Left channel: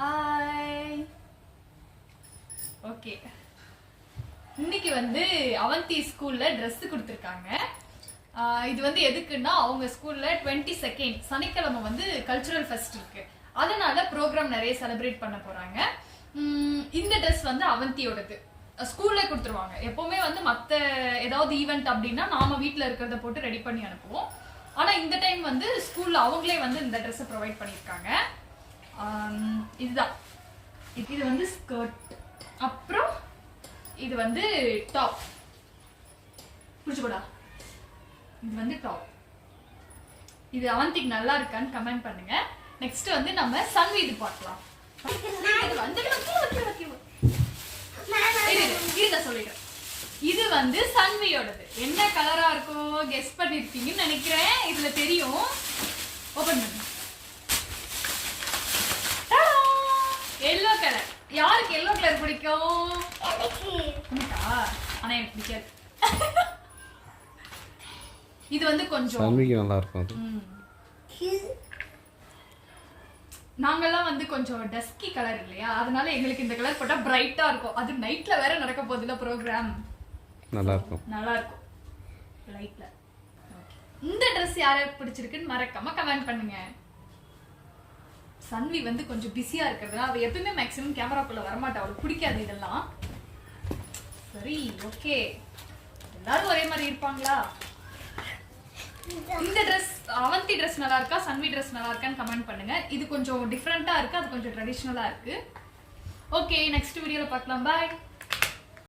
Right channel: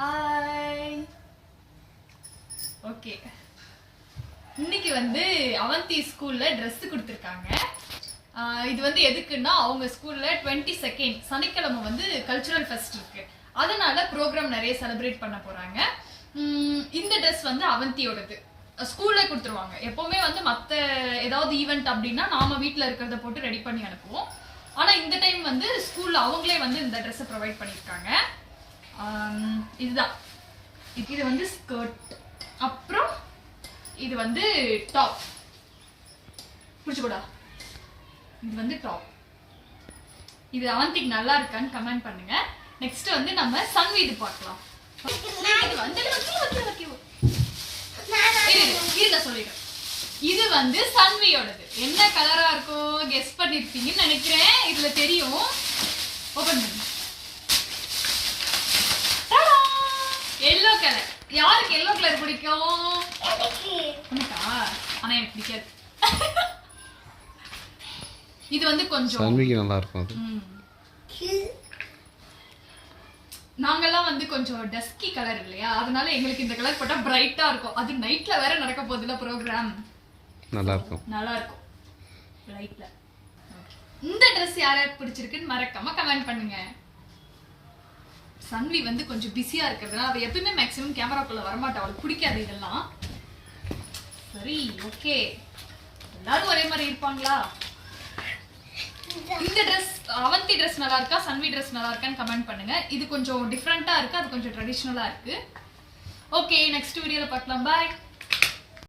Hi. Okay, இன்னைக்கு வந்து அவந்தி ஸ்கூல்ல ட்ரெஸ் கொடுத்துருக்காங்க. இது வந்து எதுக்குன்னா அவங்க ஸ்கூல்ல 22nd சனிக்கிழமை வந்து கல்ச்சுரல் ஃபெஸ்ட் இருக்கு. அதனால ப்ரோக்ராம் நிறைய செலிப்ரேட் பண்ண போறாங்க. இந்த ட்ரெஸ் வந்து அவந்தியோடது. ஸ்கூல்ல கொடுத்துருவாங்க. எப்பவுமே வந்து மற்ற ஏதாவது ஈவெண்ட் அப்படின்னா நாம வீட்டில் இருக்கிறத போட்டு ரெடி பண்ணி அனுப்புவோம். ஆனா இந்த டைம் வந்து ஸ்கூல்ல அவங்களே வந்து இந்த ட்ரெஸ்ஸை ப்ரொவைட் பண்ணியிருக்காங்க. இதுதான், இது வந்து ஸ்கர்ட், அப்புறம் இது வந்து டாப். புடிச்சுக்கூடா, இது வந்து டாப். இது அவந்திக்கு நல்லா இருக்கான்னு கமெண்ட் பண்ணுங்க. நெக்ஸ்ட் வந்து நம்ம சன்வி இது பார்க்கலாம். சொல்லிடுறேன், இது வந்து சன்வியோடது. என்ன கலரா இருக்கும் கெஸ் பண்ணிருப்பீங்கன்னு நினைக்கிறேன். இதுல தெரியும். ஓபன் பண்ணு. Yellow colour. யாருக்கு எல்லோ கலர் பிடிக்கும்? உனக்கா? ஆனா எனக்கு பிடிக்காது. இது வந்து கொஞ்சம் சன்விக்கு நல்லா இருக்கும். நாங்கெல்லாம் வந்து கொஞ்சம் டஸ்கி கலர் இல்லையா, அதனால எங்களுக்கு இந்த கலர் போட்டா பிரைட்டா இருக்கும். அது நைட்ல வேற நடக்க போகுதுல ப்ரோக்ராம், நல்லா இருக்கும். லைட்ல. இந்த ட்ரெஸ் யாருக்கு பிடிச்சிருக்குன்னு மறக்காம கமெண்ட் பண்ணுங்க. சன்வி வந்து கொஞ்சம் பிஸியா இருக்கிறதுனால அவ எப்பவுமே மேக்ஸிமம் கேமராக்குள்ள வரமாட்டா. அவளுக்கு பிடிக்காது இதெல்லாம். சரி, ஓகே, எல்லாரும் ஒரே மாதிரி இருப்பாங்களா? இந்த ட்ரெஸ், அவந்தி ட்ரெஸ் நல்லா இருக்கா, சன்வி ட்ரெஸ் நல்லா இருக்கான்னு கமெண்ட் பண்ணுங்க. இது கொஞ்சம் டிஃப்ரெண்டா இருக்கு, அது கொஞ்சம் ட்ரெடிஷ்னலா இருக்கு. ஓகே, நெக்ஸ்ட் வீடியோல பார்க்கலாம். பாய்.